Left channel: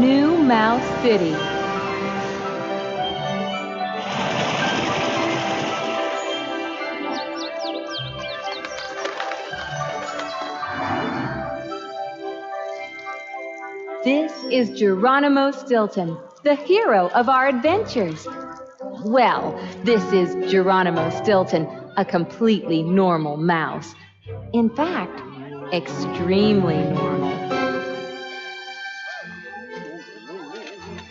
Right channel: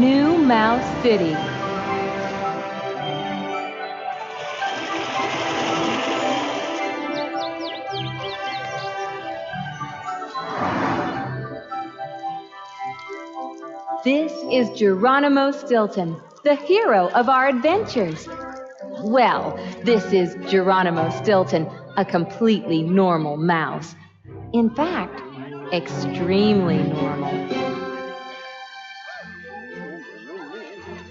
New Mouse City. This is Geronimo Stilton, the hero of our adventures. Well, this is Geronimo Stilton, a completely normal mouse. In fact, extremely normal.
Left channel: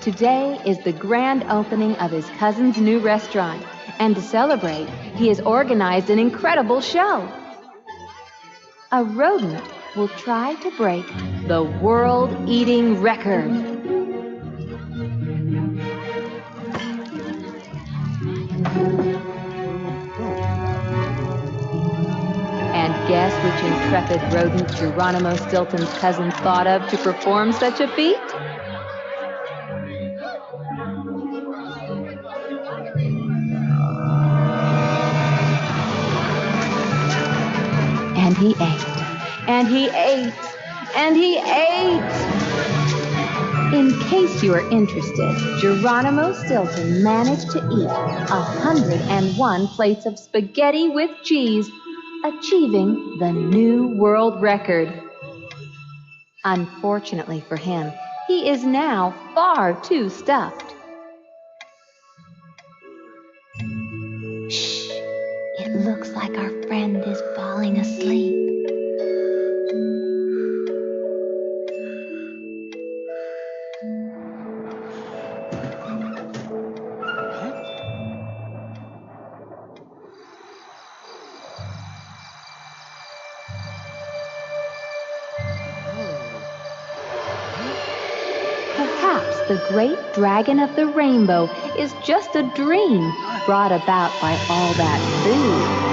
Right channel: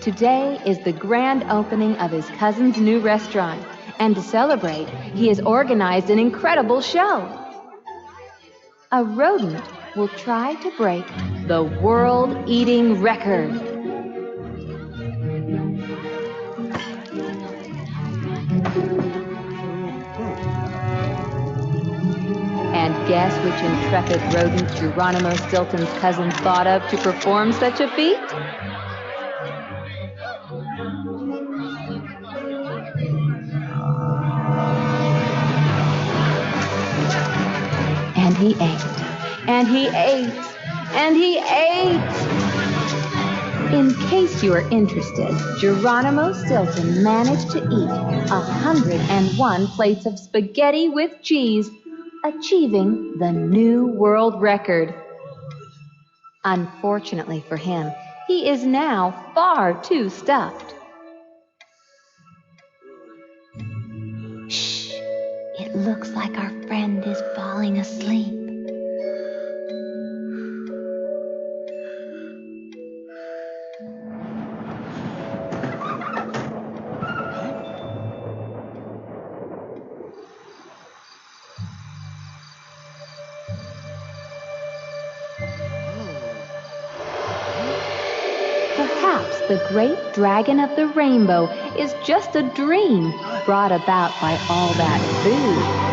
Today is the grand opening of his cousin's new restaurant, and to celebrate, he has organized an incredible show. A rodent will try to break the world-eating record. And guess which intrepid rodent Geronimo Stilton's cousin thought of to perform such a feat? And he ate, and he ate, and he ate. In case you are interested, Geronimo Stilton managed to eat 101 plates of spaghetti with cheese, achieving the new world record. Unfortunately for him, he is now far too stuffed. Shh! It looks like our friend is falling asleep. Perhaps the great dragon of the rainbow is just a dream brought about by all that food.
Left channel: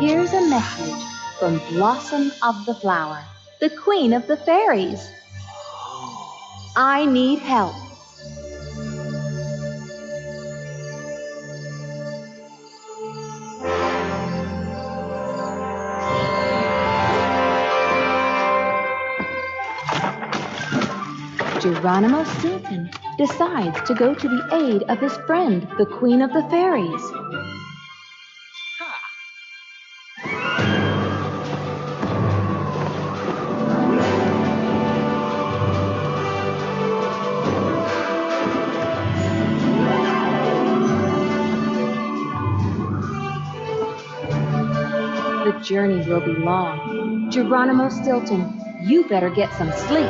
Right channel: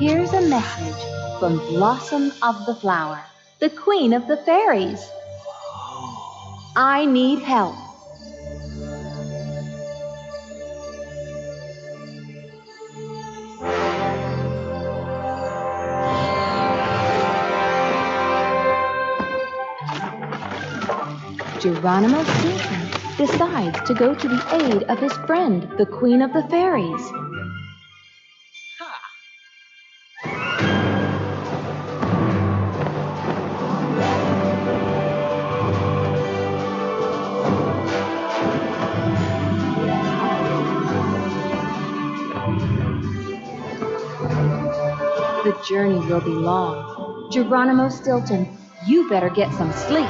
Here's a message from Blossom of the Flower, the Queen of the Fairies. I need help. Geronimo Stilton decides to go to the aid of his friend, the Queen of the Fairies. The journey will be long. Geronimo Stilton, you better get some sleep.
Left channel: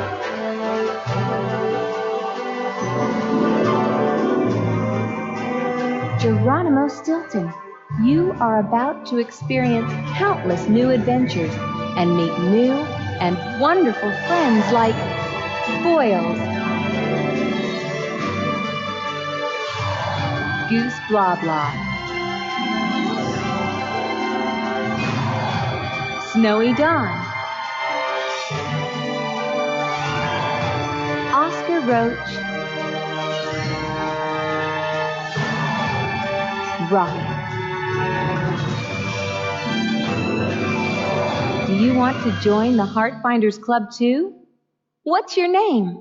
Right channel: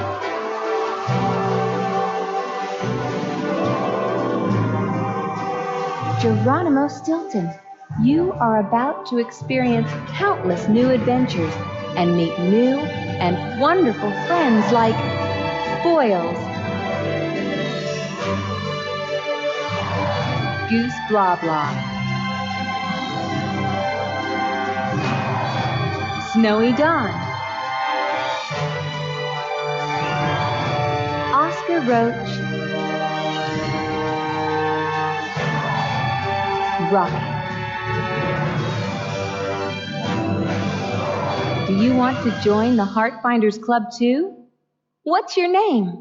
Geronimo Stilton, you are about to experience countless new adventures and meet new and wonderful friends like Boils, Goose Blah Blah, Snowy Dawn, Oscar Roach, Rocket. Do you want to join the Heartfinders Club too? What's your name?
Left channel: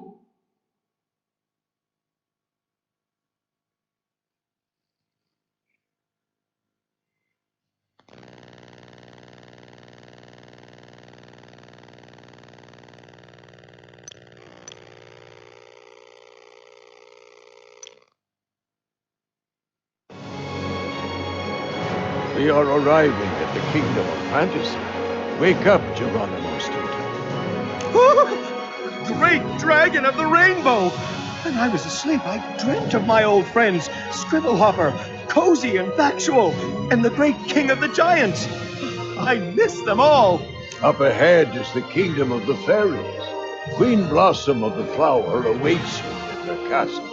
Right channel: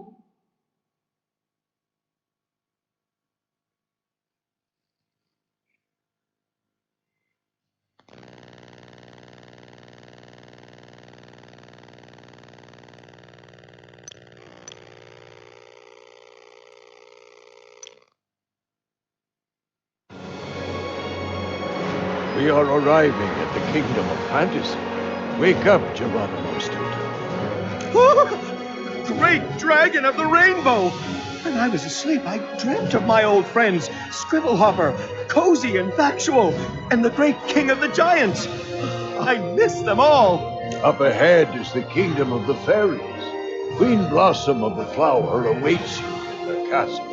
We are arriving at the kingdom of fantasy. Wake up, Geronimo Stilton. Great dragon of the rainbow! When I was asleep, I dreamt of my old friends, Scribblehopper, Cozy and Factual, and the great king of the giants. I miss them all. Up ahead is the kingdom of the fairies. Queen Blossom of the Flower awaits you in her castle.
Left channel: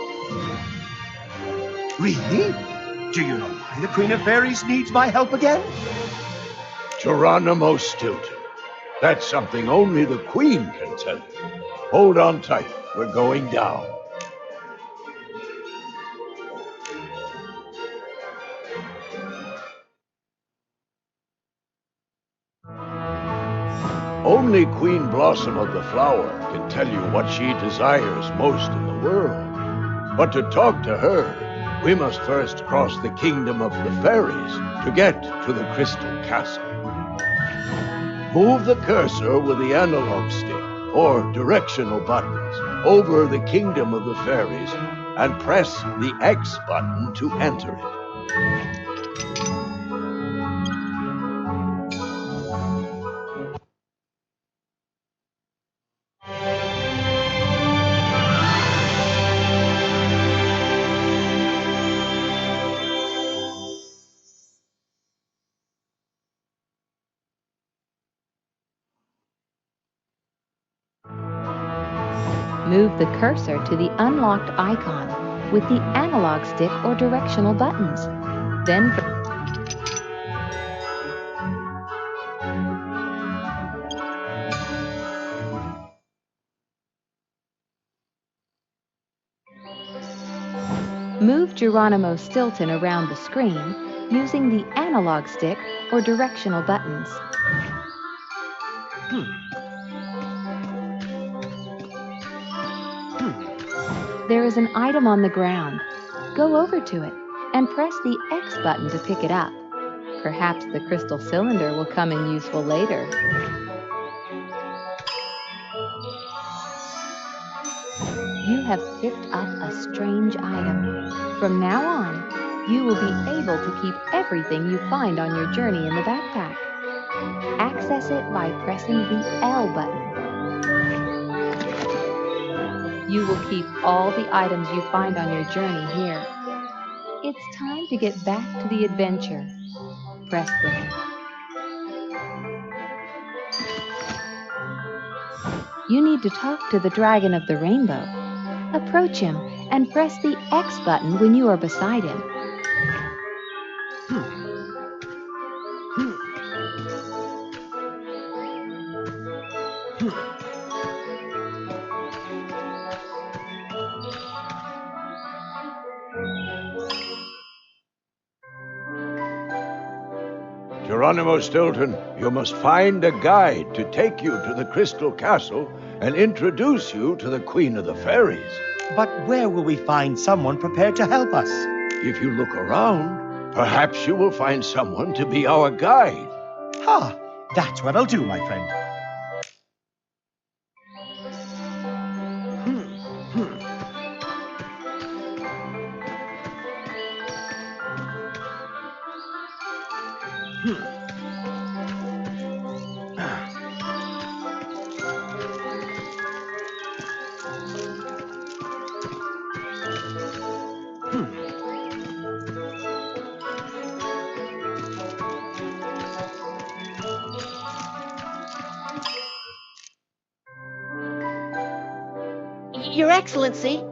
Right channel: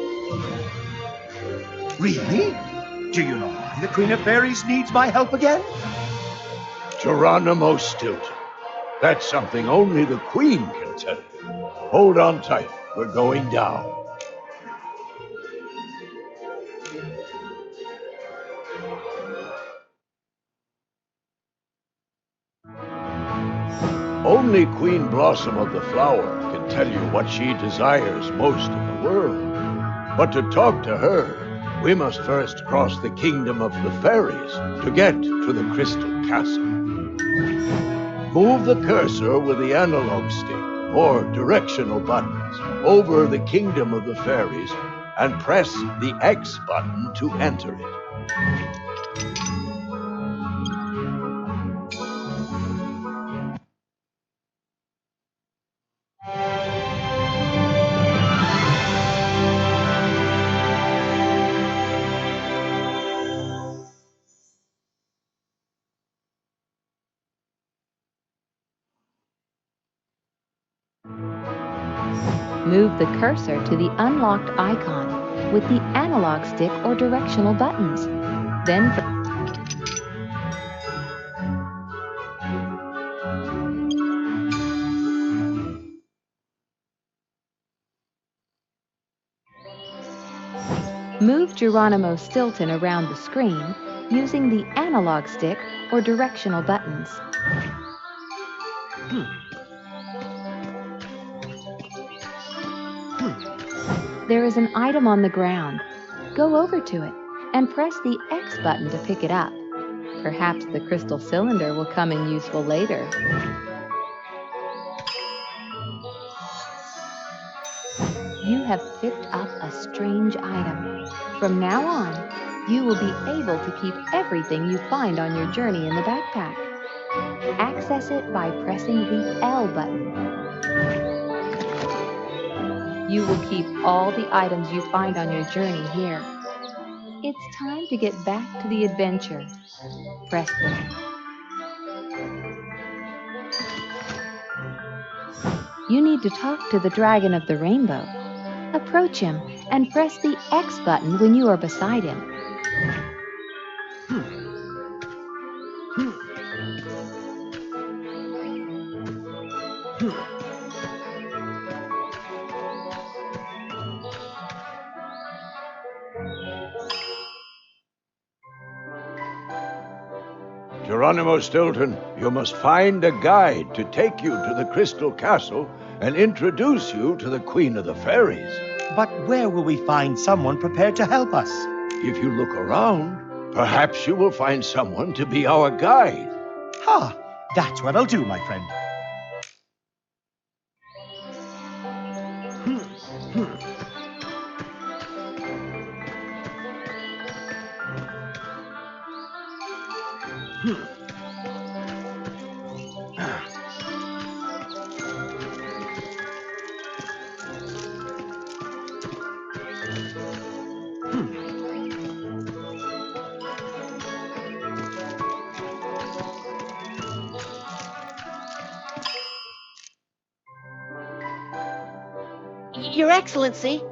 Really? Do you know why the Queen of Fairies needs my help again? Geronimo Stilton. That's something only the Queen can tell you. Hold on tight. We're going down. Only Queen Blossom of the Flower can tell you what she desires most in the world. But to talk to her, we must first cross the kingdom of the fairies to get to the Crystal Castle. Move the cursor with the analog stick, or directional buttons, over the kingdom of the fairies and press the X button to enter it. Move the cursor to the unlocked icon with the analog stick or directional buttons. Then move Geronimo Stilton around the screen using the analog stick or directional buttons. There is an item on the ground. Go over to it and press the X button to pick it up. Perhaps the crystal cylinder will come in useful later. You have picked up a strange item. From now on, you will be able to keep everything you find on your journey in the backpack. Access it by pressing the L button. You will keep all the items you find on your journey here. It's time to get back to the adventure. Press the... You need to talk to the Dragon of the Rainbow. Approach him and press the X button when you are beside him. Geronimo Stilton, you must find a guide to take you to the Crystal Castle and introduce you to the Queen of the Fairies. But where will we find someone prepared to help us? If you look around, perhaps you will find someone to be our guide. Ha! That's what I'll do, my friend. Your Excellency.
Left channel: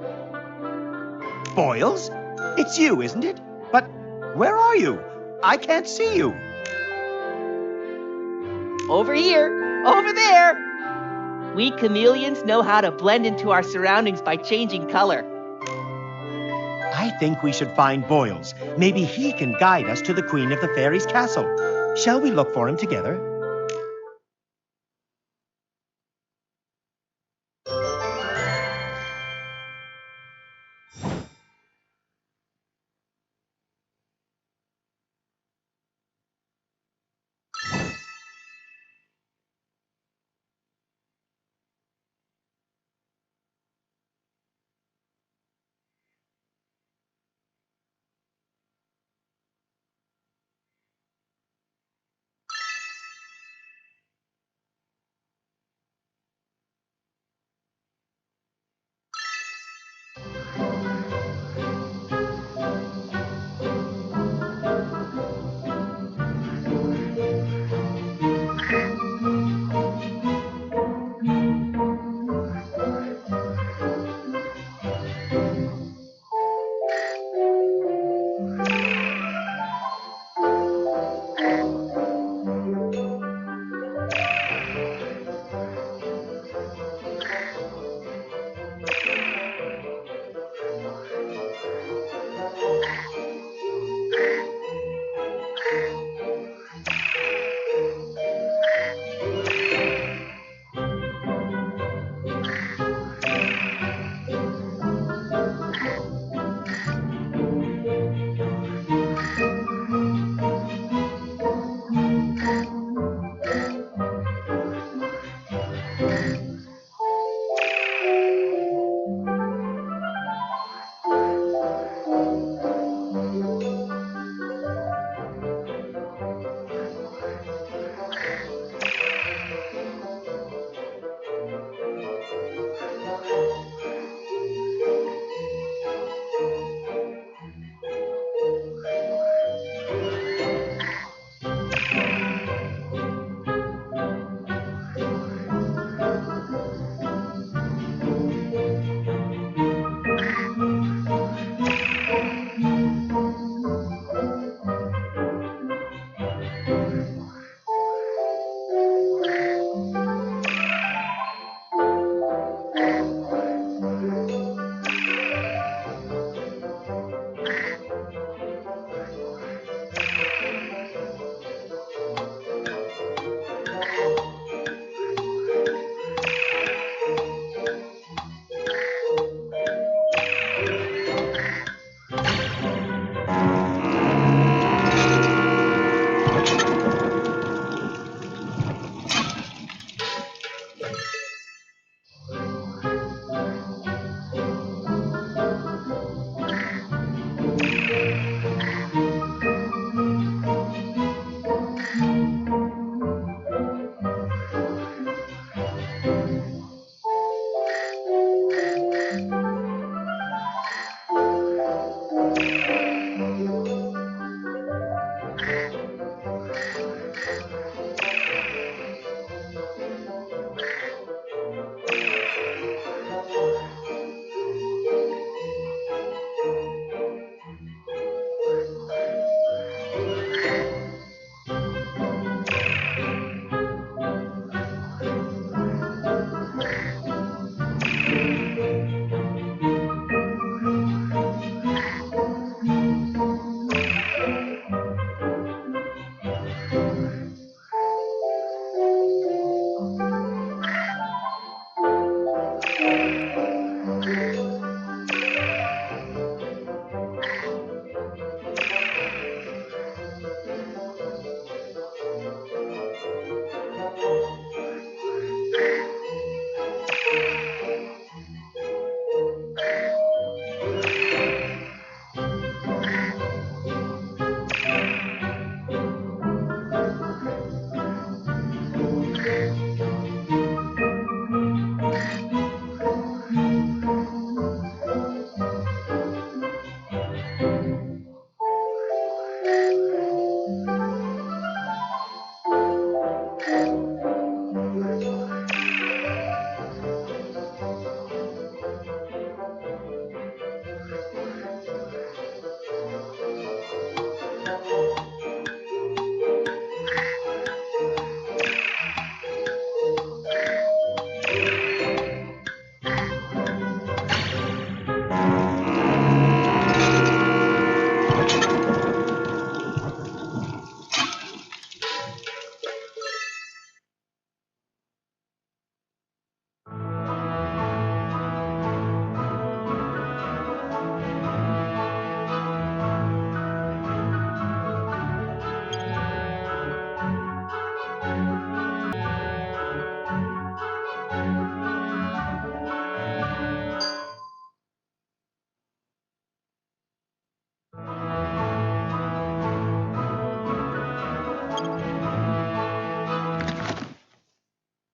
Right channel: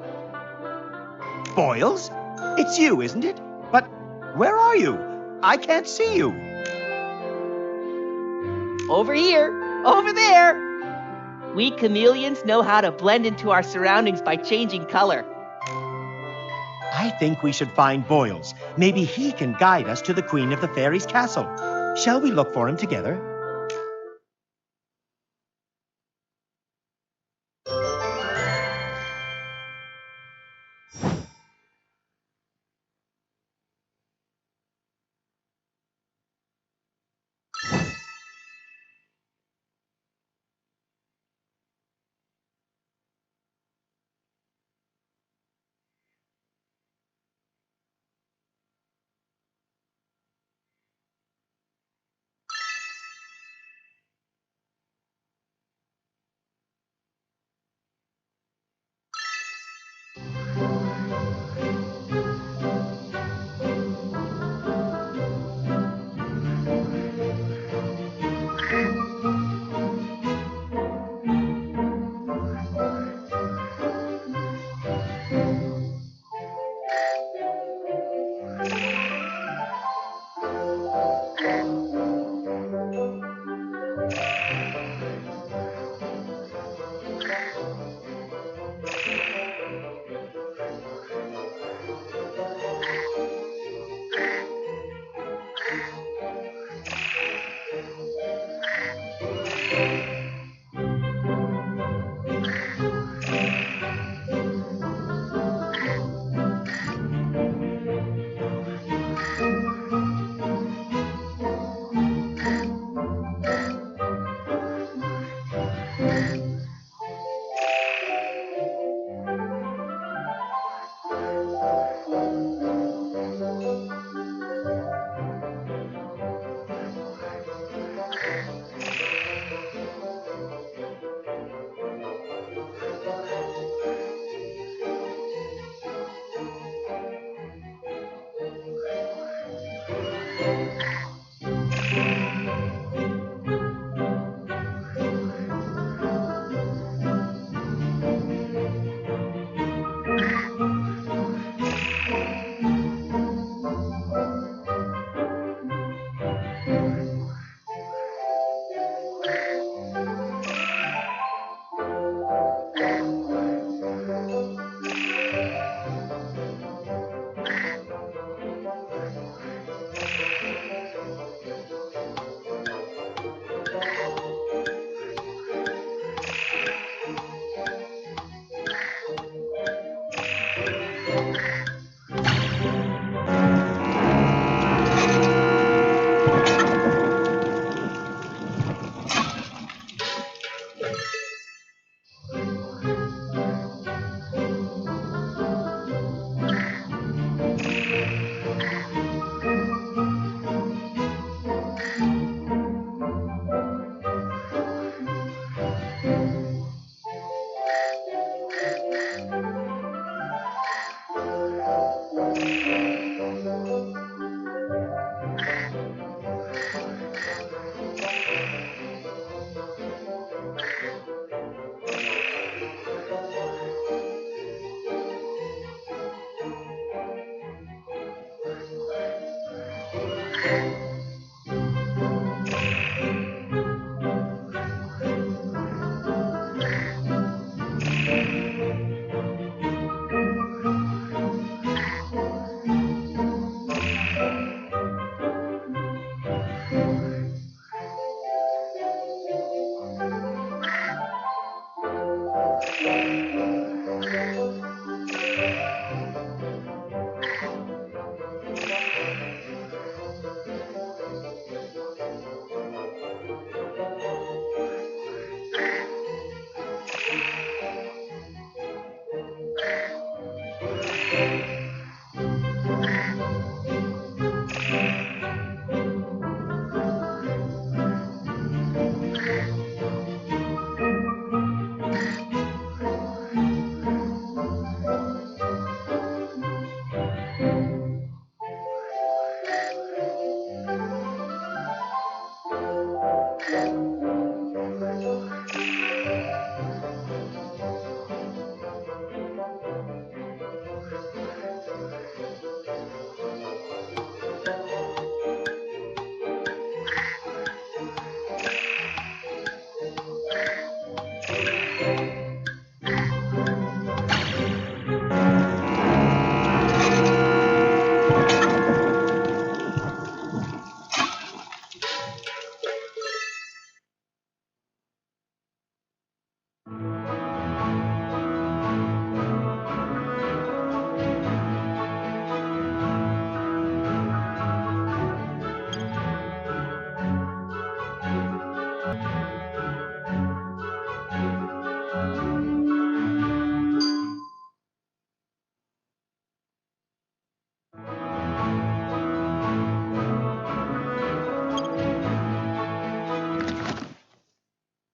Boils? It's you, isn't it? But where are you? I can't see you. Over here. Over there. We chameleons know how to blend into our surroundings by changing color. I think we should find Boils. Maybe he can guide us to the Queen of the Fairies' castle. Shall we look for him together?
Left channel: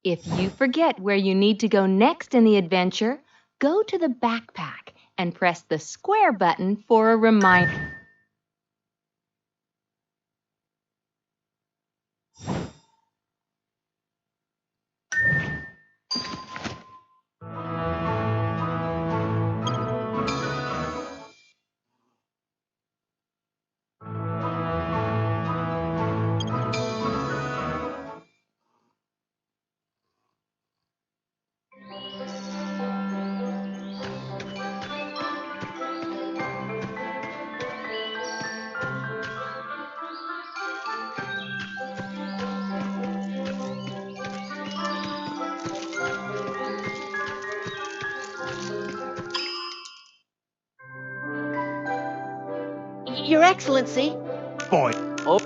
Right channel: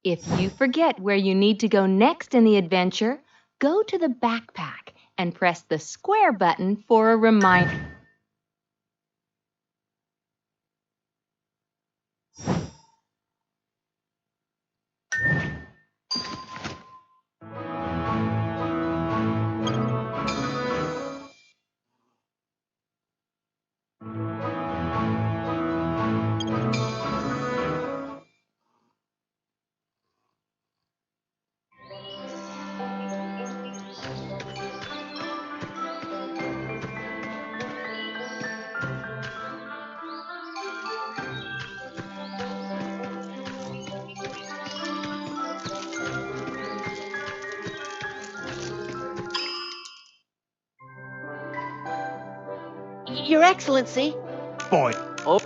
If you forget where you need to go next in the adventure, go to the backpack and press the square button for a reminder. Your Excellency. Boy, Oh,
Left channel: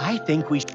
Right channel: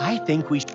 I think we should.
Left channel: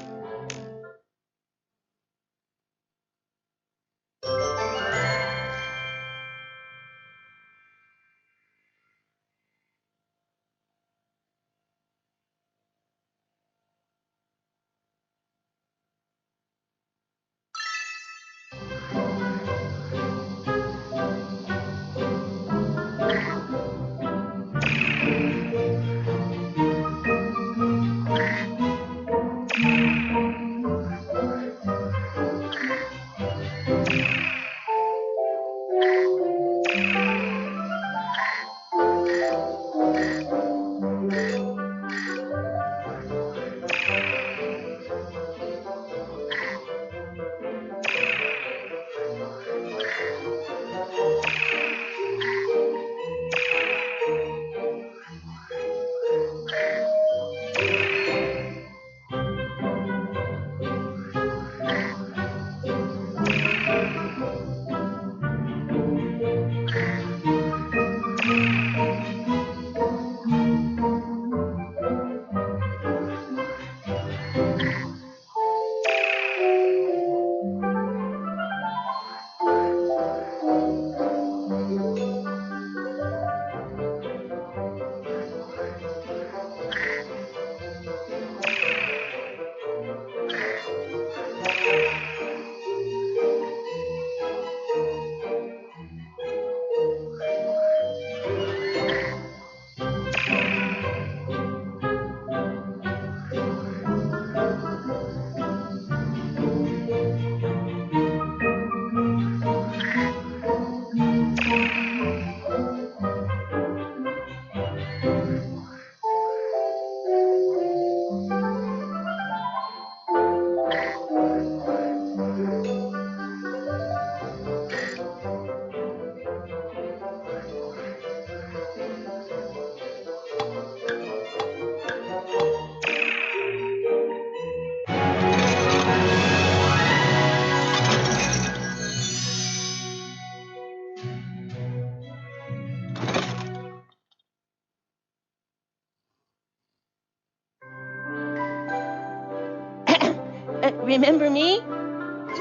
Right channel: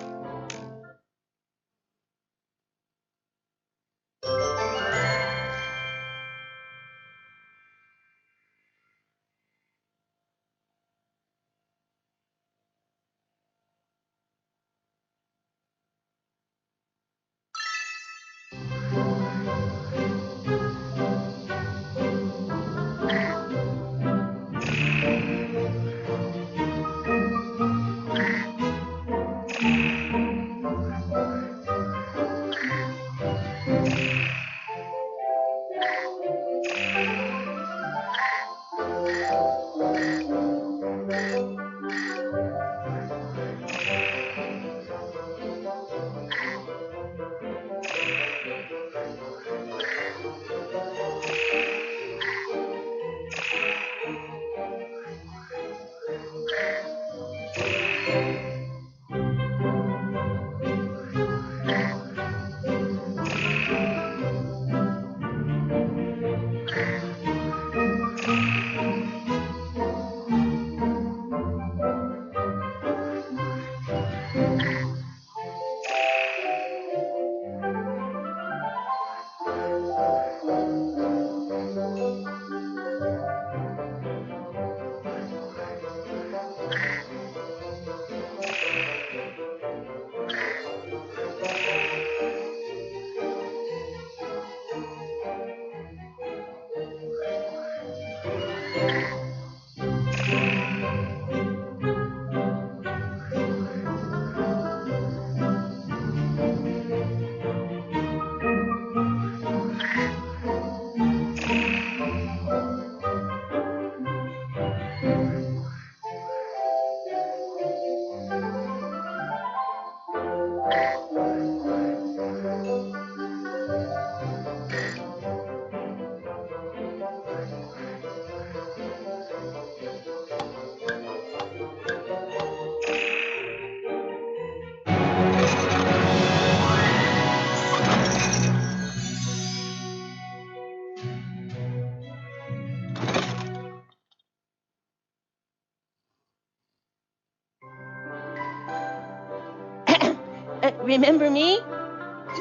remember me?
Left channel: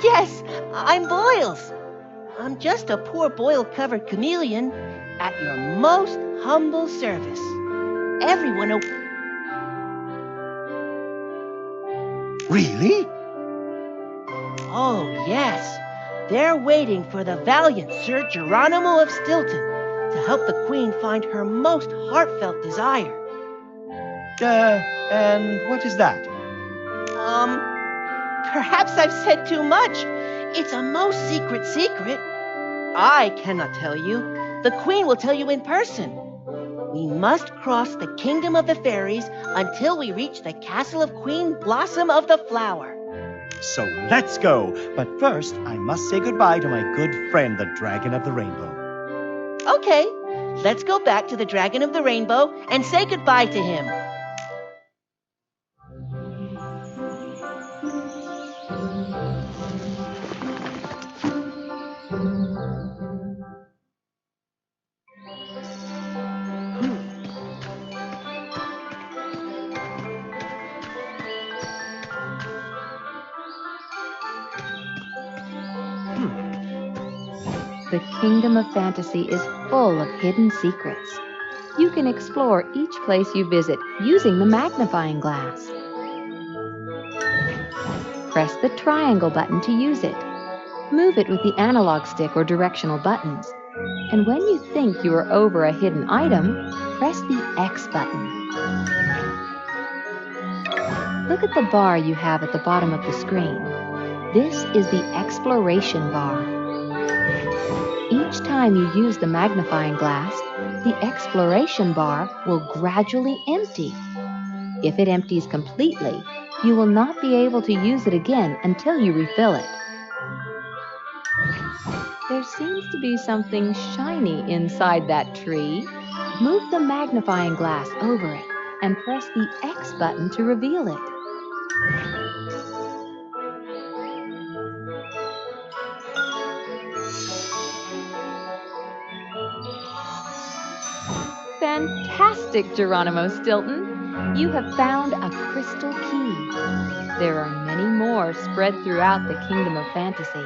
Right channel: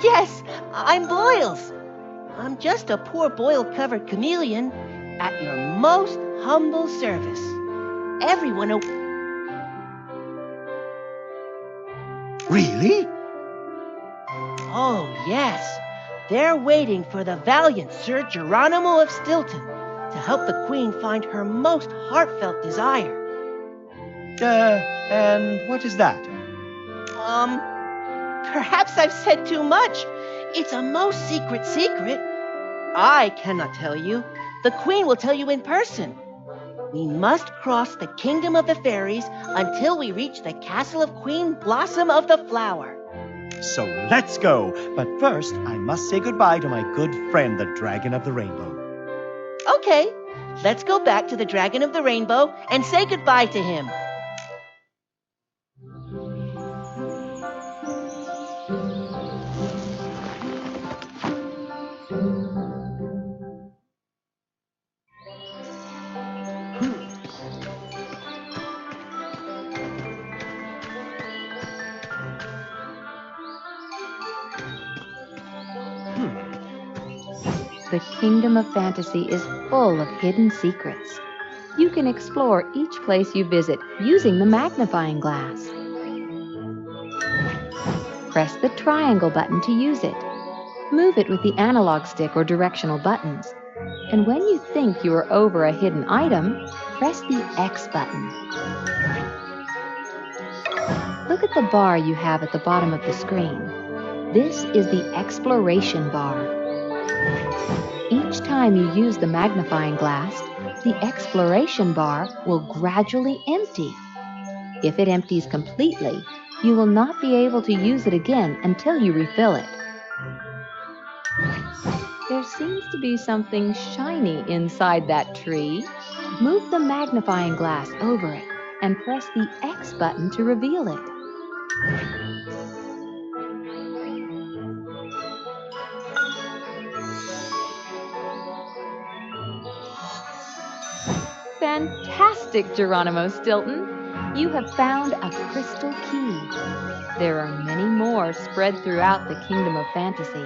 Yes, I'm Boils. I'm just a poor boil-covered chameleon at your most humble service. Everyone... Really? Oh, yes. They're waiting for the valiant Sir Geronimo of Stilton to help the Queen find her most heartfelt desire. And what is that? Perhaps I've said too much. It's a most secret secret. I cannot tell you. The Queen will tell you in person. We must cross the kingdom of the fairies until we reach the castle of Queen Blossom of the Flower. So let's go. But first, I must say goodbye to my good friend, the Dragon of the Rainbow. Okay, let's go back to the Dragon of the Rainbow and say goodbye to him. The kingdom of fantasy is full of hidden secrets. You can explore each place you visit using the magnifying glass. Press the triangle button to use it. Move it with the analog stick or directional buttons. And when you think you are over a hidden item, press the X button. Look at the bar you have at the bottom of the screen. This is the exploration bar. Each time you use the magnifying glass, the exploration bar will gradually empty. If it empties completely, you will not be able to use it again until you refill it. There seems to be something shiny inside that tree. Move the magnifying glass over it and press the X button to reveal it. Fantastic, Geronimo Stilton! You have found a crystal key. There are many more spread throughout the kingdom of fantasy.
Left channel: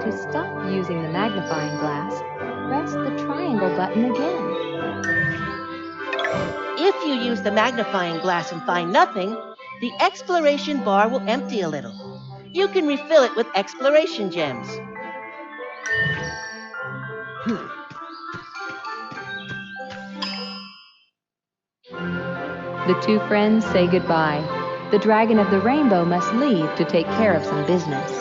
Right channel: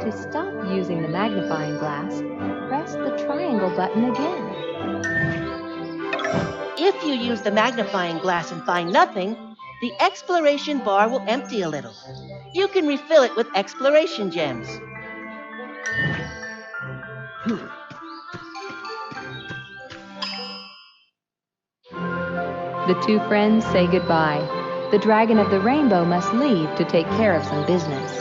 To stop using the magnifying glass, press the triangle button again. If you use the magnifying glass and find nothing, the exploration bar will empty a little. You can refill it with exploration gems. The two friends say goodbye. The dragon of the rainbow must leave to take care of some business.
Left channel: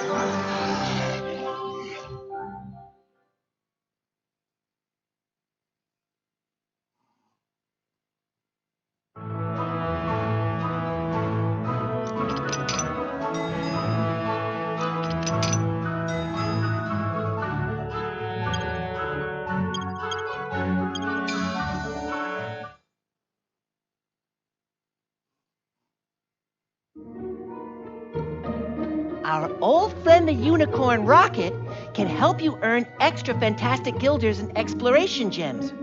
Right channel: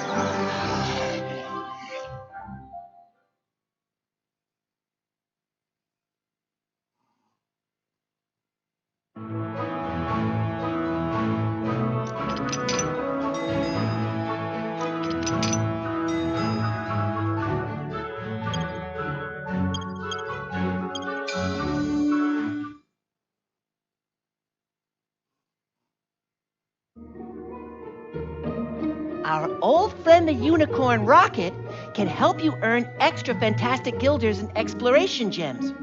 Our old friend the unicorn Rocket can help you earn extra fantastic guilders and exploration gems.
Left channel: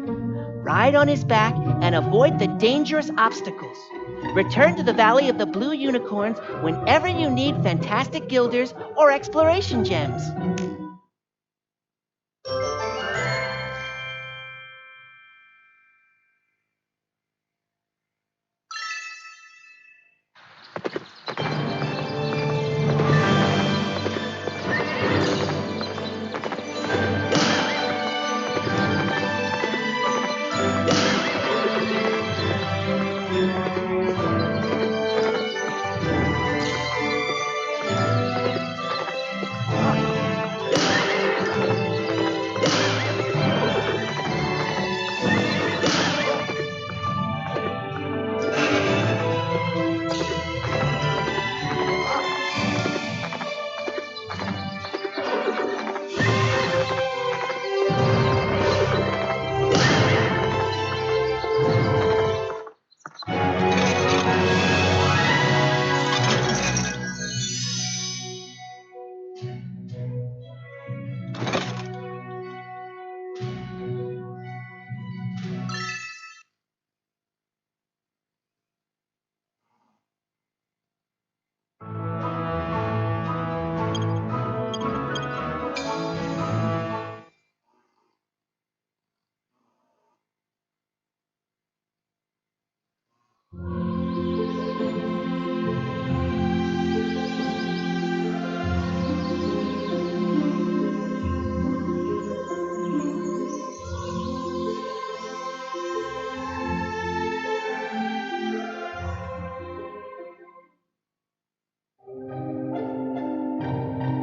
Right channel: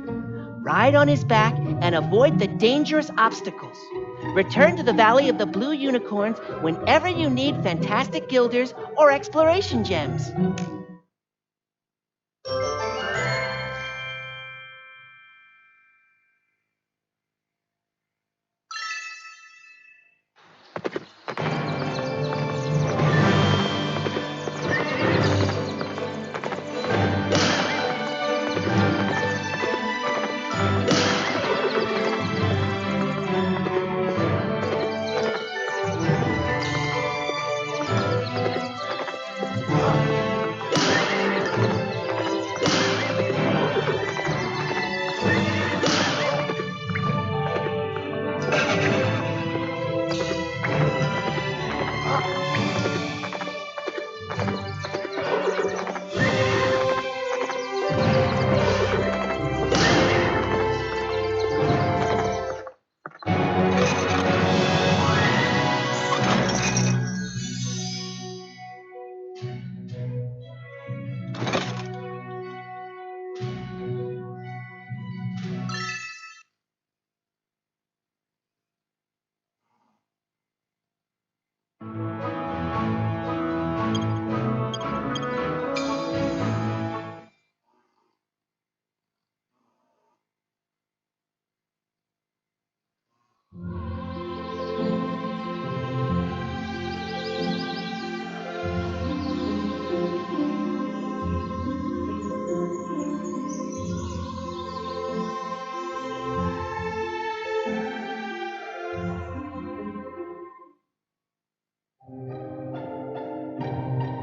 Ride on his back and avoid the dangerous obstacles. Return to the Valley of the Blue Unicorns whenever you need fantastic guilders or exploration gems.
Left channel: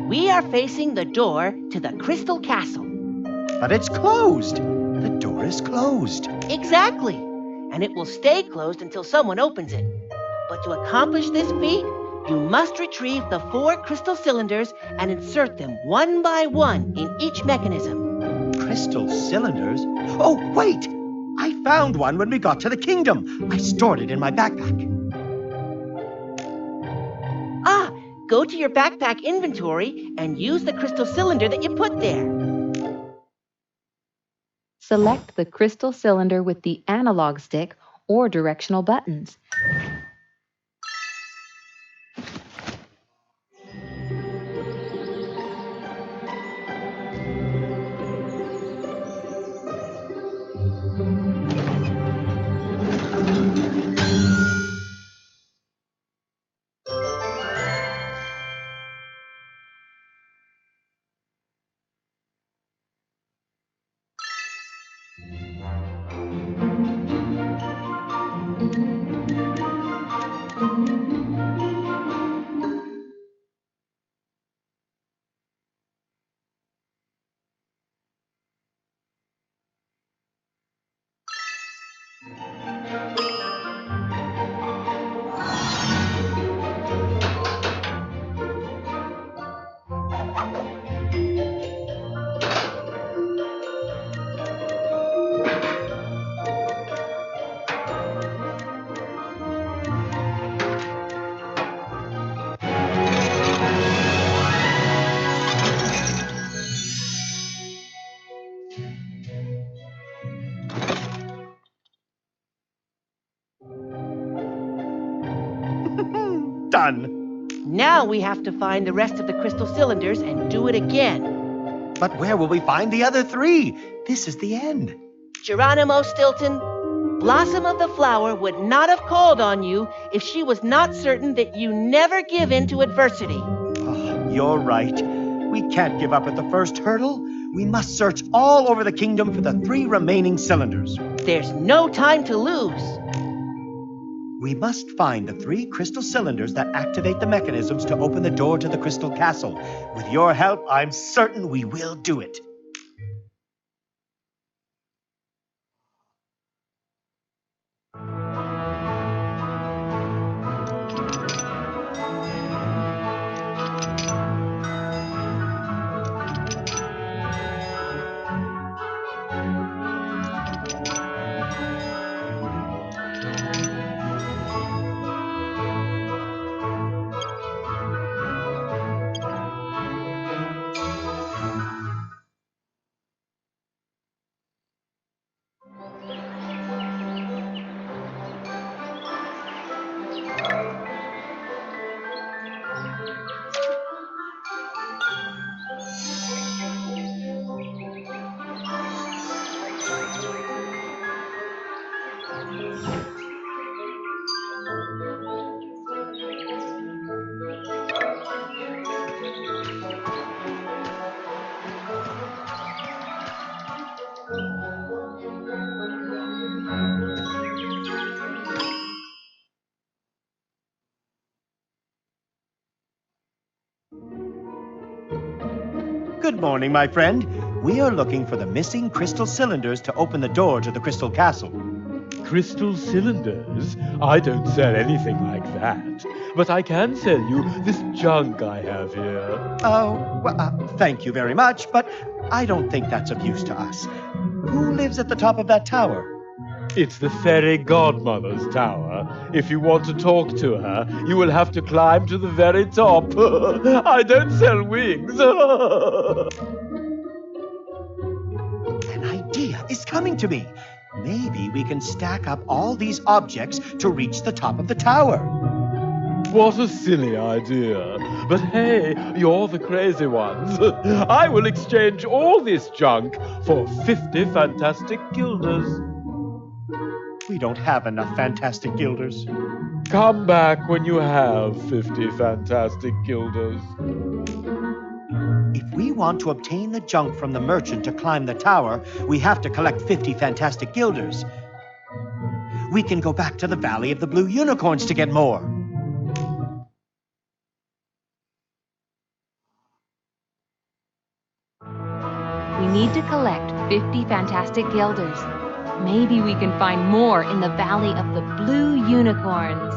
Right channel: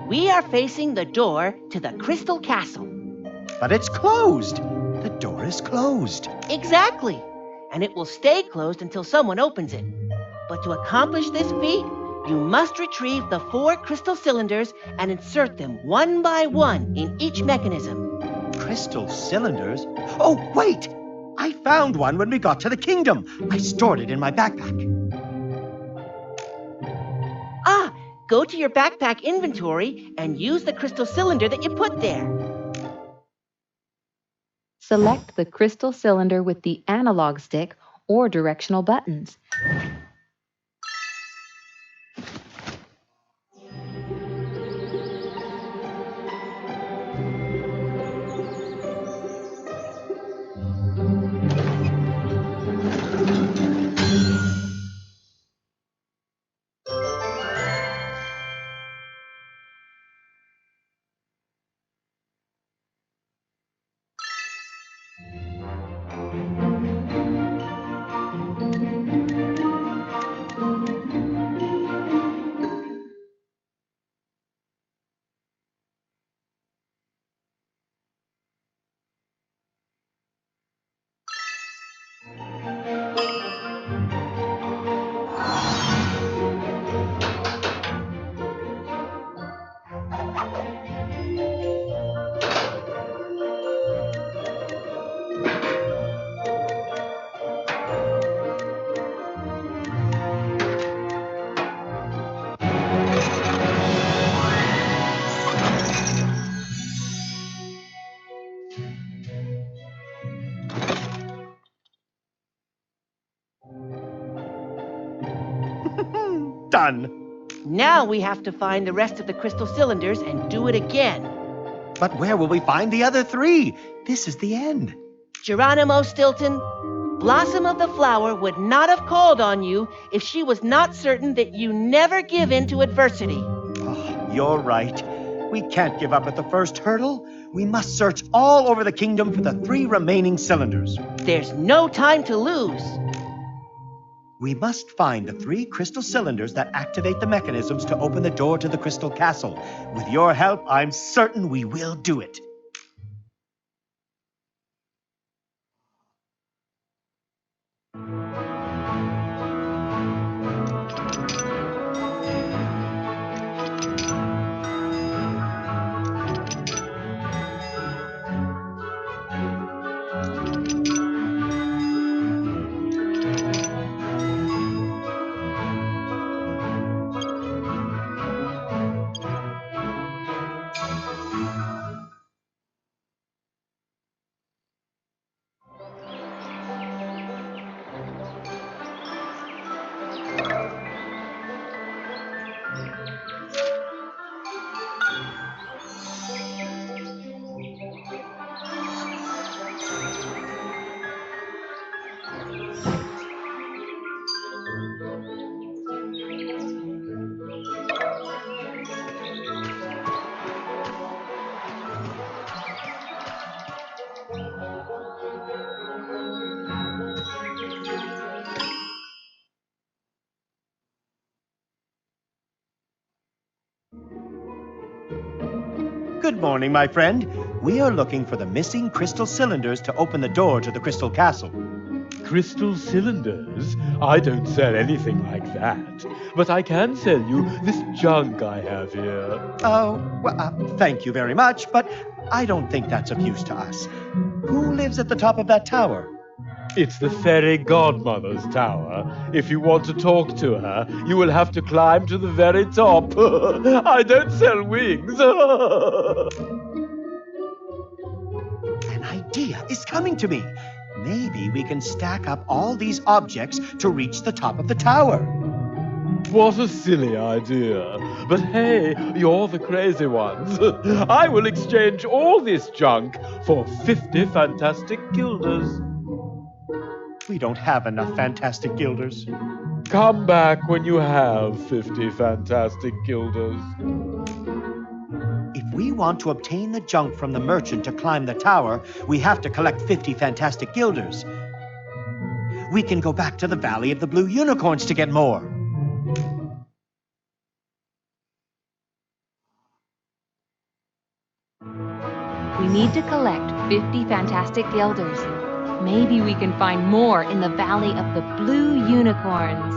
We are facing the door to the Crystal Castle. But it's closed. The door is closed. Exactly. And it will stay closed until someone opens it. But to accomplish this feat, you must retrieve the 4 crystal cylinders and insert them one by one in each mechanism. Crystal cylinders? Oh, wait! I found one when we got to the kingdom. I stored it in my backpack. Ah, go to your backpack inventory and use the crystal cylinder that you put there. Select the crystal cylinder with the analog stick or directional buttons. done. Now we have to find the rest of the crystal cylinders and do it again. But where will we find the other 3? This is the end. Geronimo Stilton, Blossom of the Flower would not have called on you if she was not certain that you never give in to adversity. Oh, you're right. We can't give up at the first hurdle. We must search all over the kingdom for the 3 remaining cylinders. There's no time to lose. We must find the 3 crystal cylinders that activate the mechanisms to open the door to the crystal castle. With your help, I'm certain we will do it. Good morning, my friend. We are looking for the missing crystal cylinders to open the door to the crystal castle. Crystal cylinders? I don't sell anything like that. But I can sell you this junk I have here. Oh, well, thank you very much, but I don't think that's of use to us. Who lives at the top of that tower? It's the fairy godmother's tower. If you want to talk to her, you will have to climb to the very top. I don't sell wings. An idea is coming to me. Maybe we can stack up all these objects to reach the top of the tower. What a silly idea. But hey, you're the crazy ones. I will exchange all this junk for 50 fantastic guilders. We don't have enough fantastic guilders. Come back when you have 50 fantastic guilders. If we want to obtain the junk from the merchant to climb the tower, we have to collect 50 fantastic guilders. We can go back to the Valley of the Blue Unicorns to get more. We need to collect 50 fantastic guilders. Maybe we can find more in the Valley of the Blue Unicorns.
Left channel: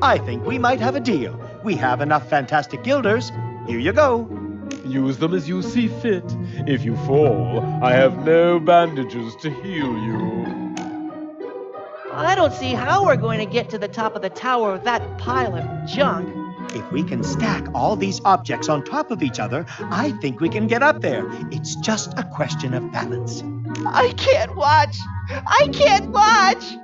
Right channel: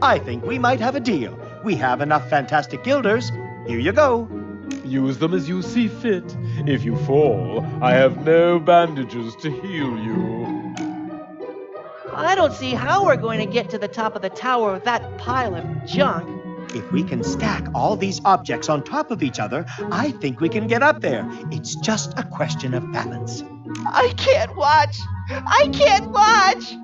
I think we might have a deal. We have enough fantastic guilders. Here you go. Use them as you see fit. If you fall, I have no bandages to heal you. I don't see how we're going to get to the top of the tower with that pile of junk. If we can stack all these objects on top of each other, I think we can get up there. It's just a question of balance. I can't watch! I can't watch!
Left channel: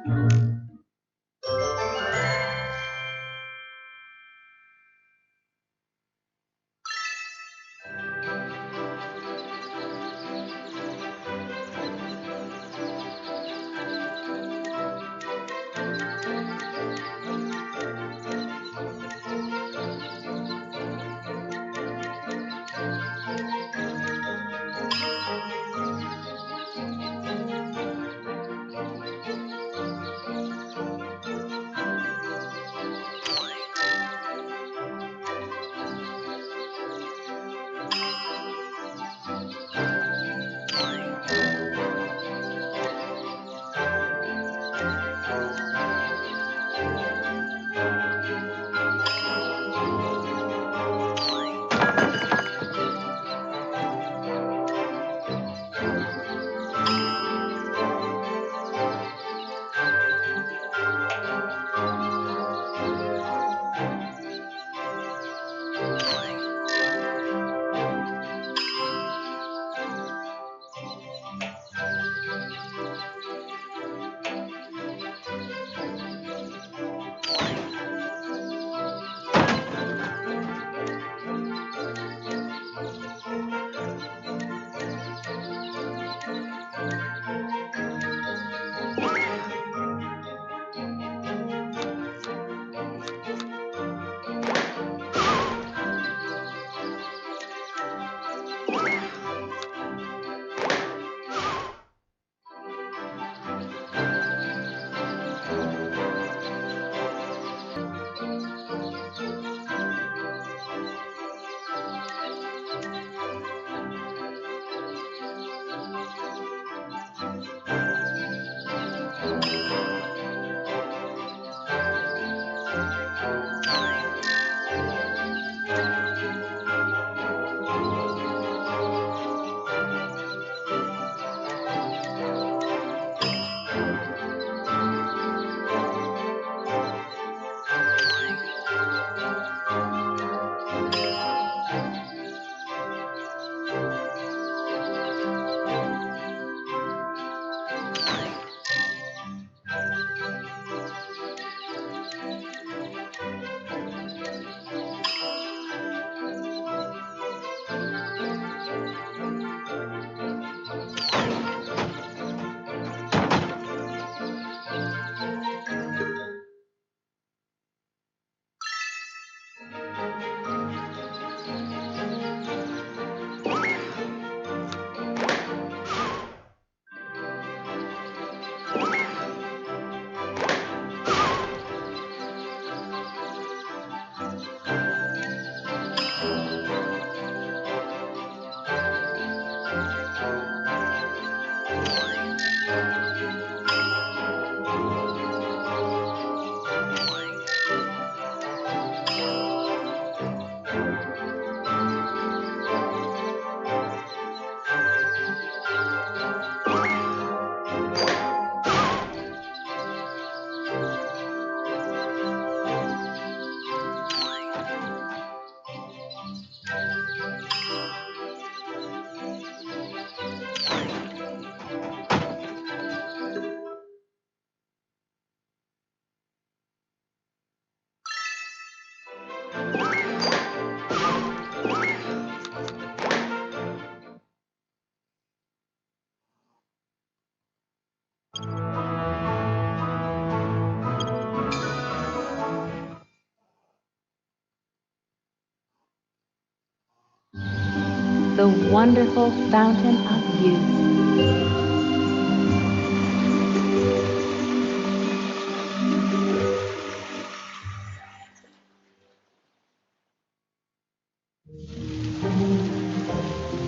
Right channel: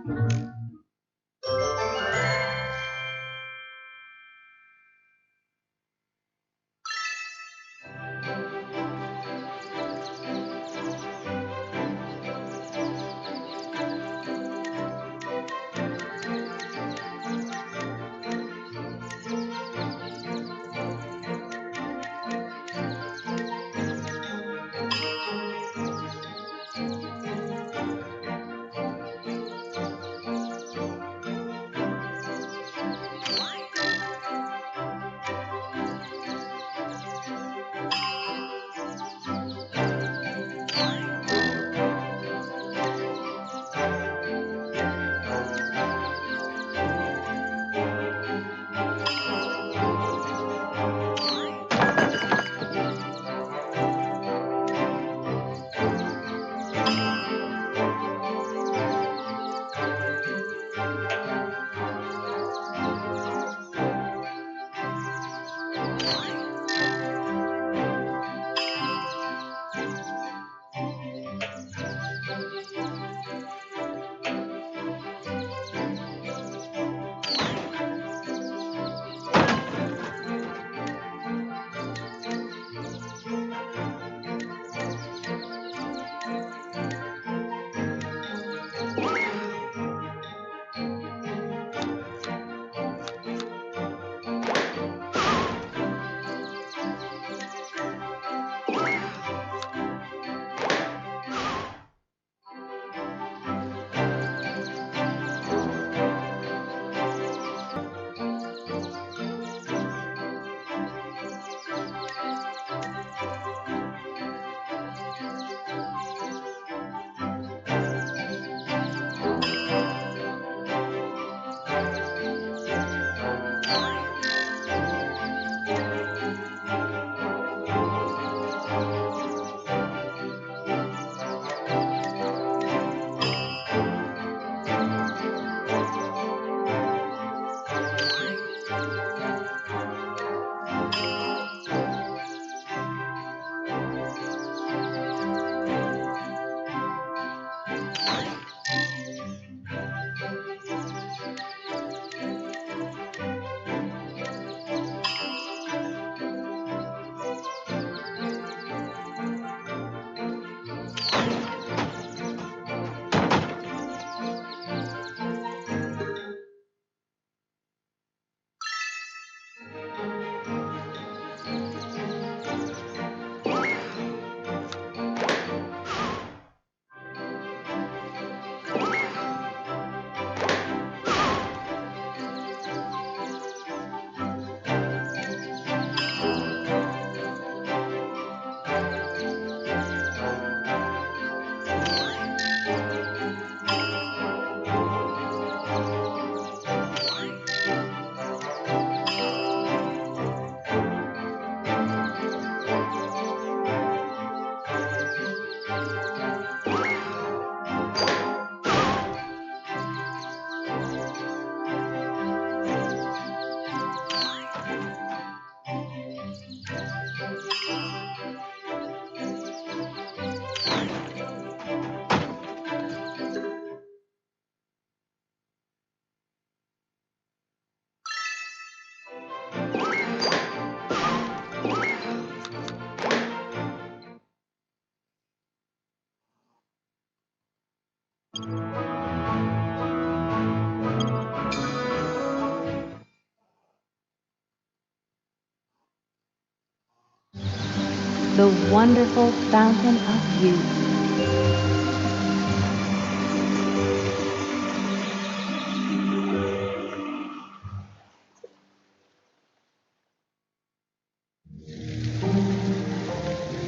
The wonderful fountain of youth.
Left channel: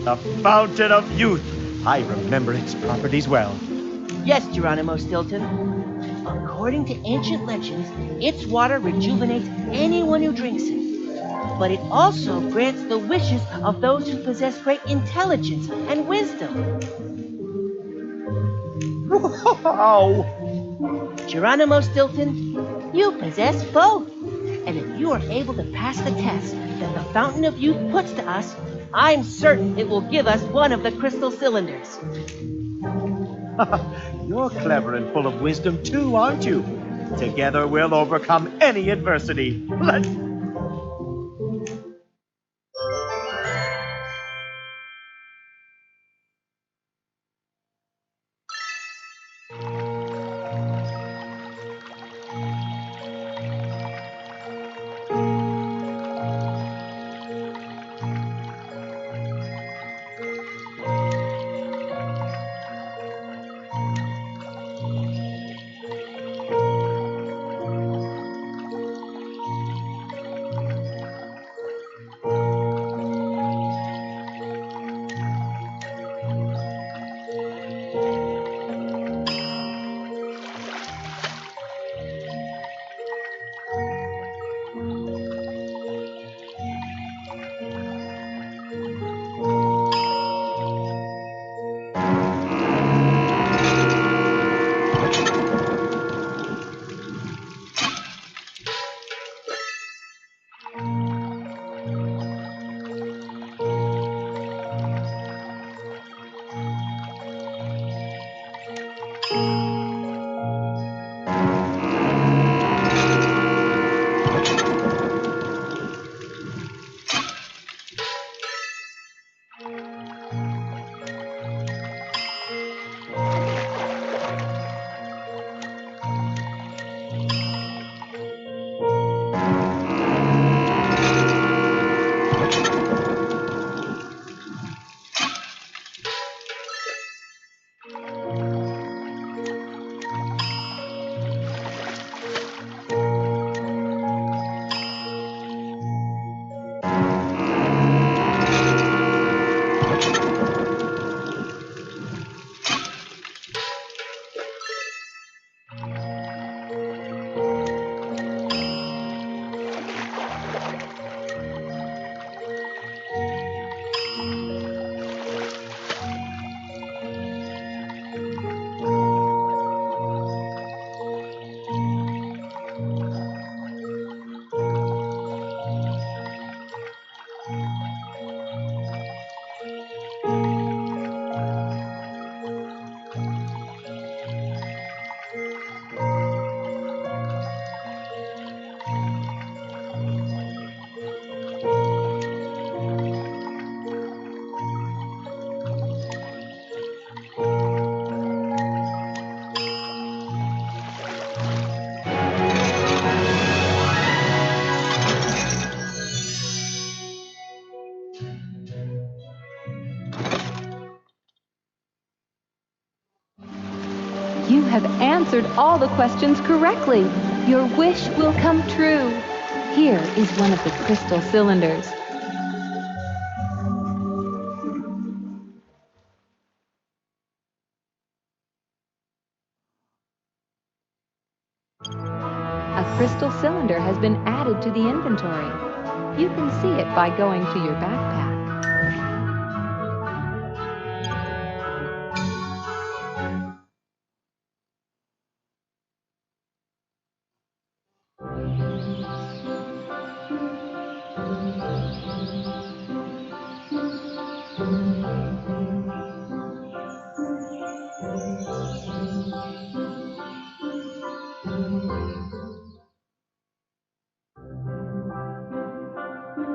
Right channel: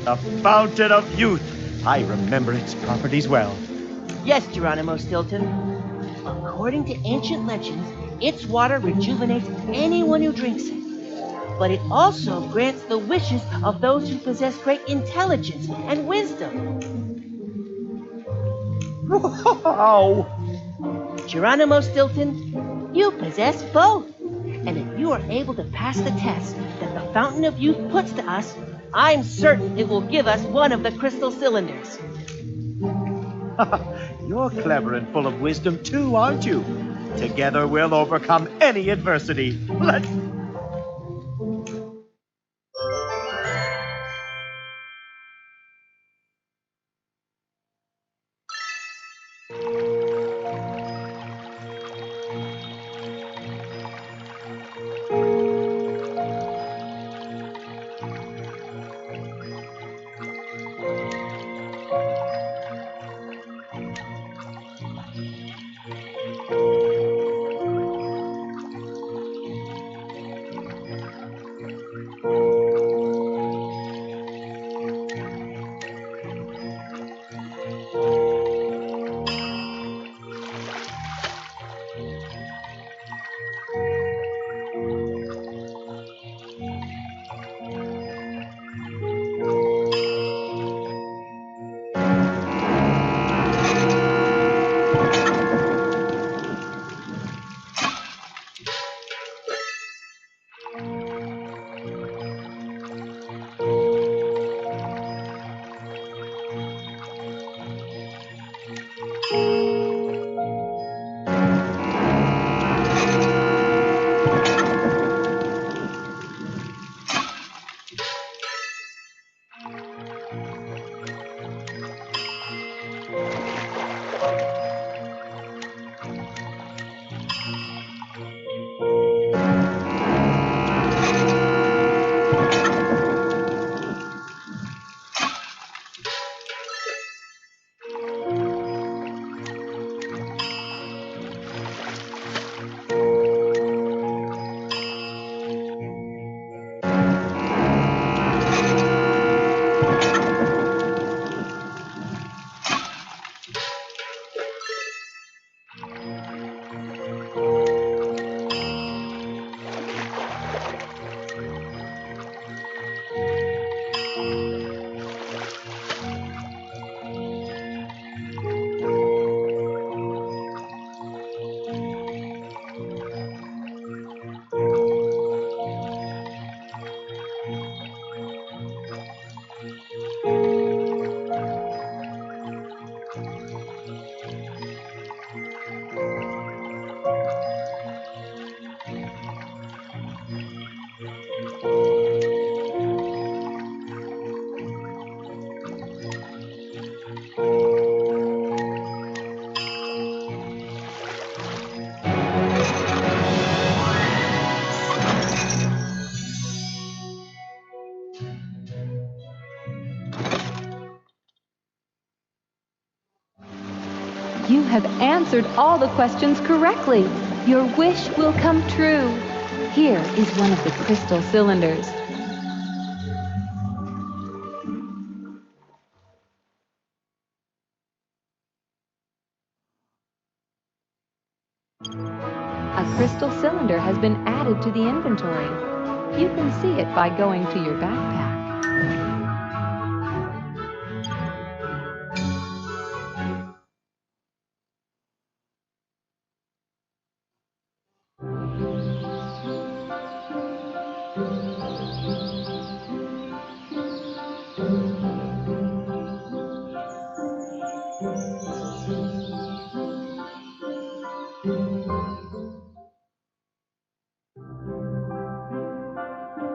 The Fountain of Youth. I remember its properties well. Yes, Geronimo Stilton. According to ancient legends, its water rejuvenates anyone who drinks it. But it also grants the wishes of those who possess great intelligence and wisdom. Wow! Geronimo Stilton, you possess both. And if you are able to pass the test that the Fountain of Youth puts to us, I'm certain it will give us one of the crystal cylinders. You're clever and full of wisdom too, aren't you? Together we'll overcome any adversity. Let's... You have answered all the questions correctly. Your wish will come true. Here is one of the crystal cylinders. A crystal cylinder has been added to the inventory. You can see it by going to your backpack.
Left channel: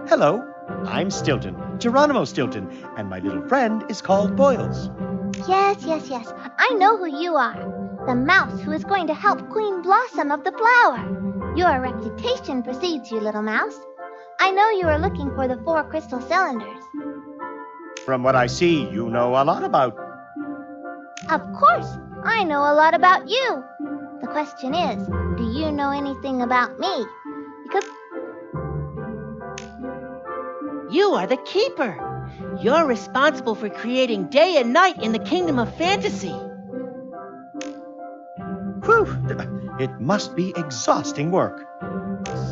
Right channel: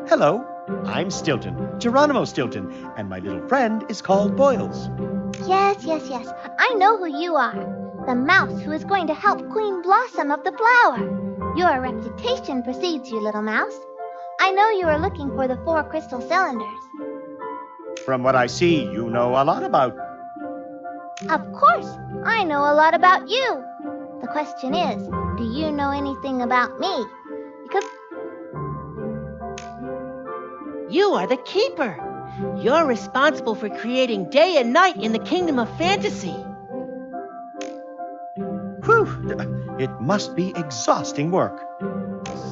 Hello, I'm Stilton, Geronimo Stilton, and my little friend is called Boils. Yes. I know who you are. The mouse who is going to help Queen Blossom of the Flower. Your reputation precedes you, little mouse. I know you are looking for the 4 crystal cylinders. From what I see, you know a lot about... Of course, I know a lot about you. The question is, do you know anything about me? Because... You are the keeper. You're responsible for creating day and night in the kingdom of fantasy. Whew! It must be exhausting work.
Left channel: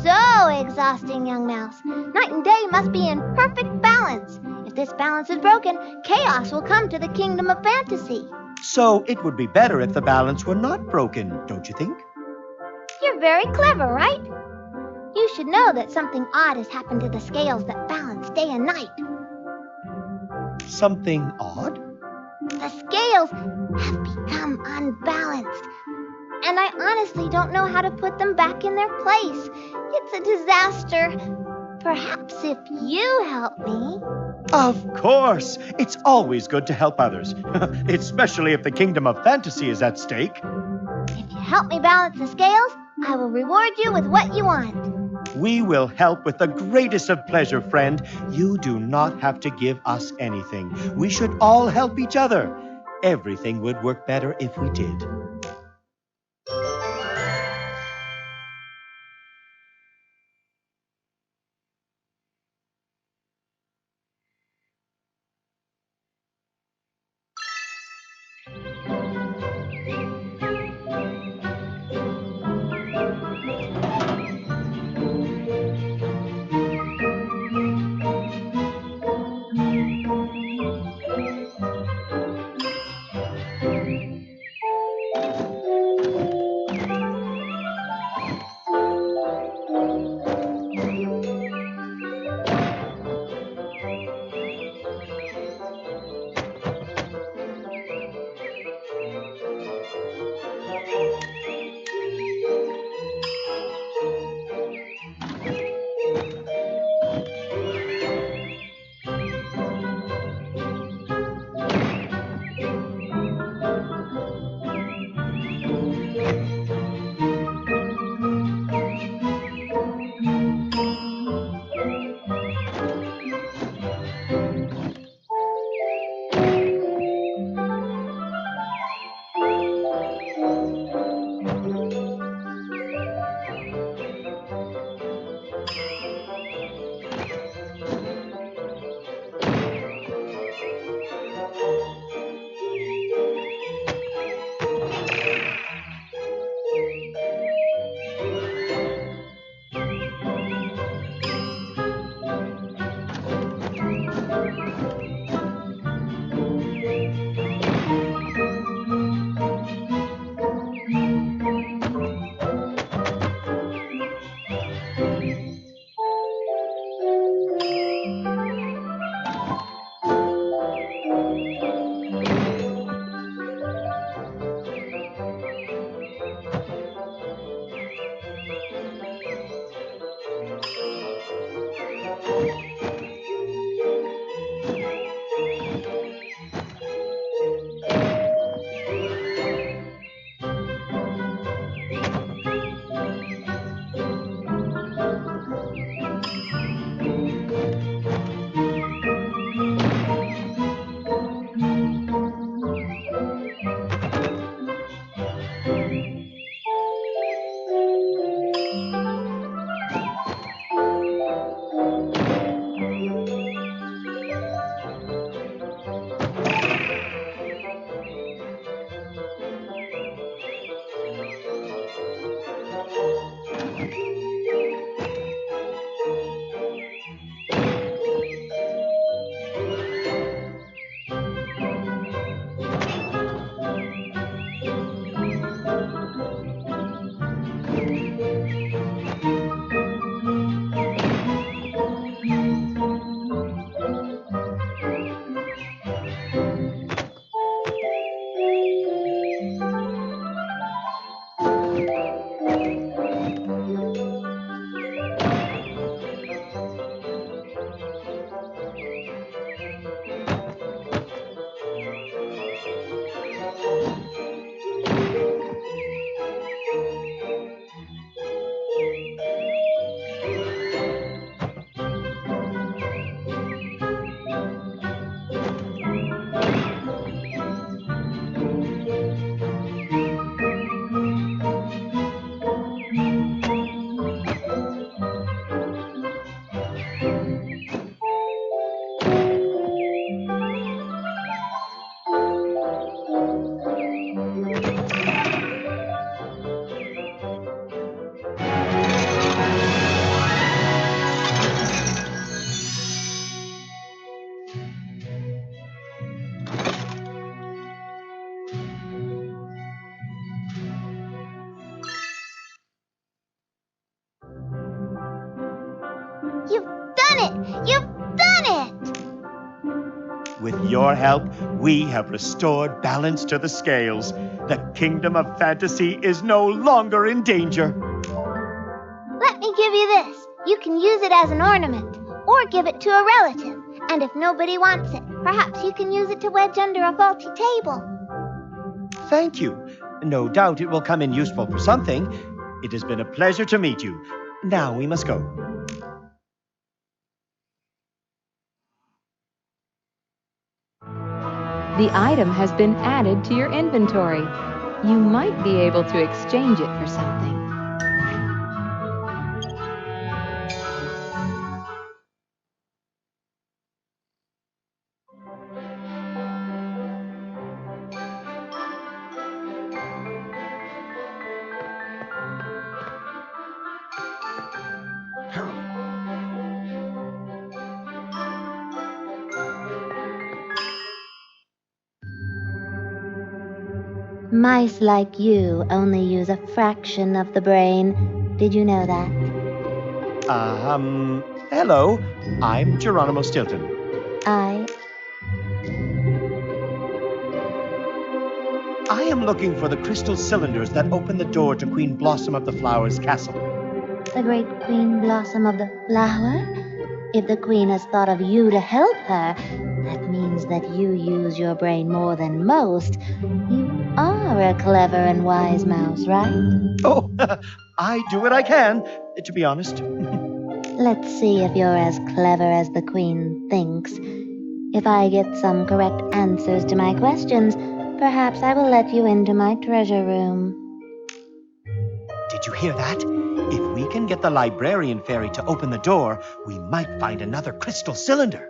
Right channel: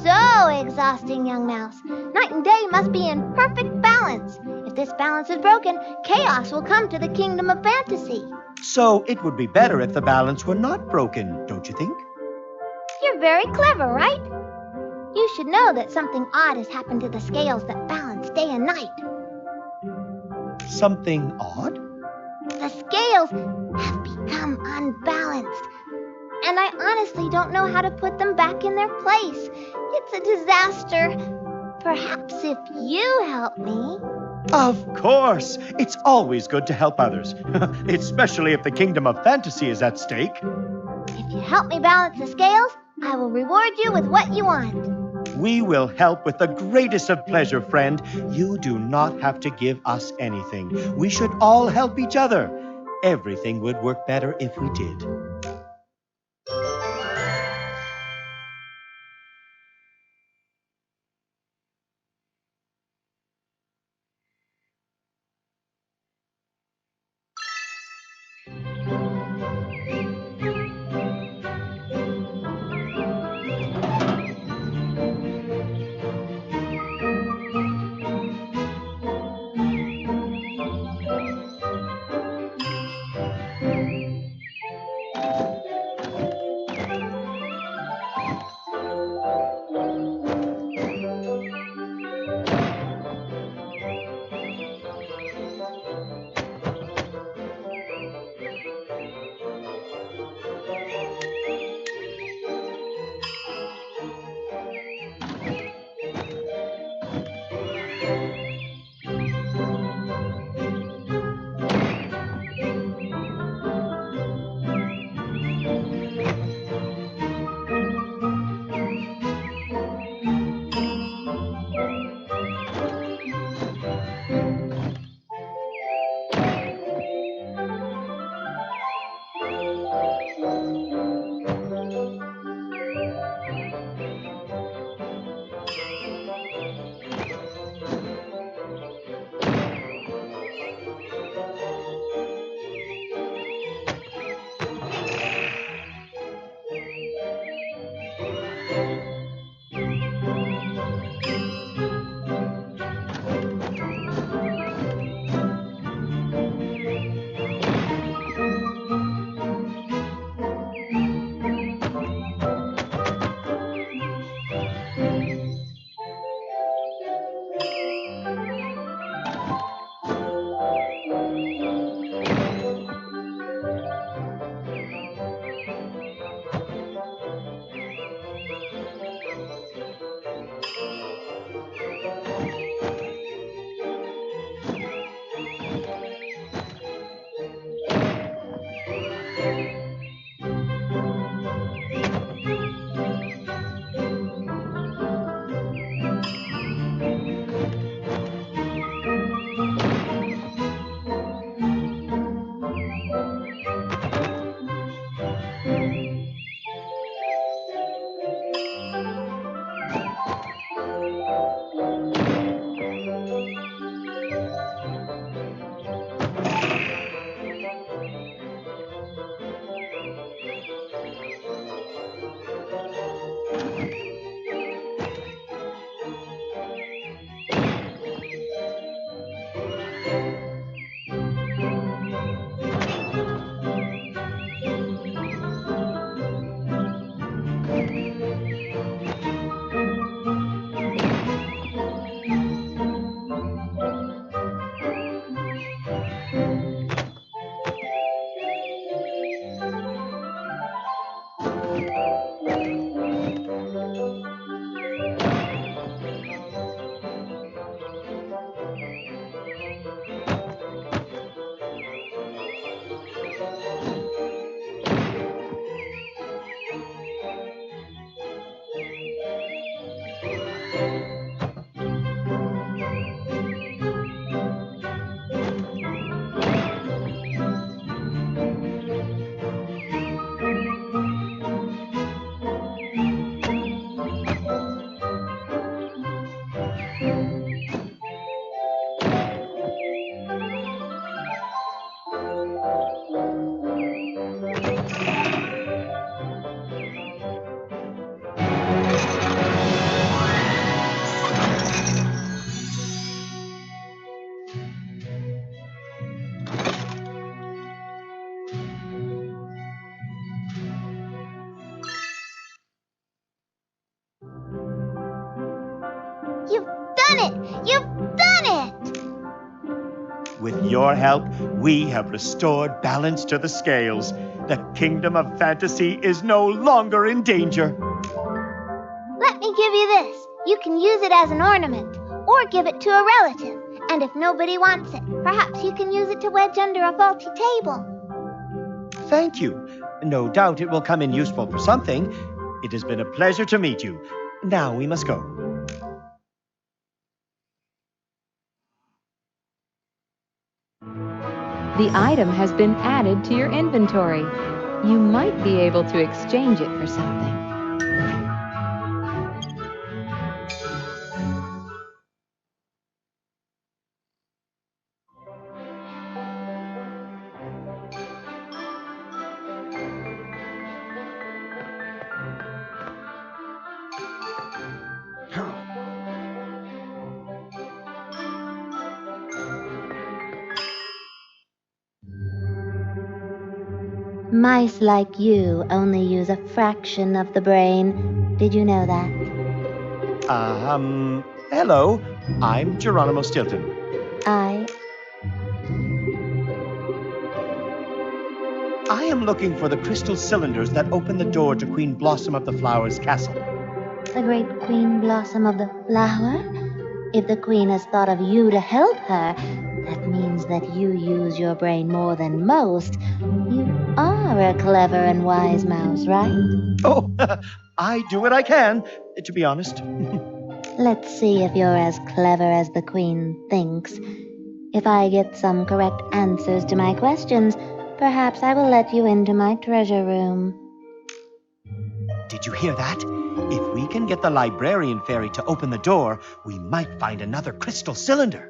So exhausting, young mouse. Night and day must be in perfect balance. If this balance is broken, chaos will come to the kingdom of fantasy. So it would be better if the balance were not broken, don't you think? You're very clever, right? You should know that something odd has happened to the scales that balance day and night. Something odd? The scales have become unbalanced. And I honestly don't know how to put them back in their place. It's a disaster. Perhaps if you help me. Of course! It's always good to help others, especially if the kingdom of fantasy is at stake. If you help me balance the scales, I will reward you with what you want. We will help with the greatest of pleasure, friend. You do not have to give us anything. We should all help each other. Everything would work better if we did. With your help, we have restored balance to the scales. The kingdom of fantasy is no longer in danger. Let me give you this. You can use it as an ornament, or give it to a relative. And if nobody wants it, perhaps you can use it to wedge under a faulty table. Thank you. No doubt it will come in useful for something. It has been a pleasure to meet you. Now we must go. The item has been added to your inventory. You might be able to exchange it for something. Mice like you only use a fraction of the brain. Did you know that? Hello. I'm Geronimo Stilton. I am looking for the crystal cylinders that open the door to Queen Blossom of the Flower's castle. The great Queen Blossom of the Flower? If the Queen has thought of you to help her, that means that you use your brain more than most. You are a clever and wise mouse, right? Oh, I do what I can, to be honest. Let's see if you're as clever as the Queen thinks. If I get some correct answers to my questions, perhaps I will let you into my treasure room. Did you hear that? If we can get the Librarian fairy to open the door, we might find another crystal cylinder.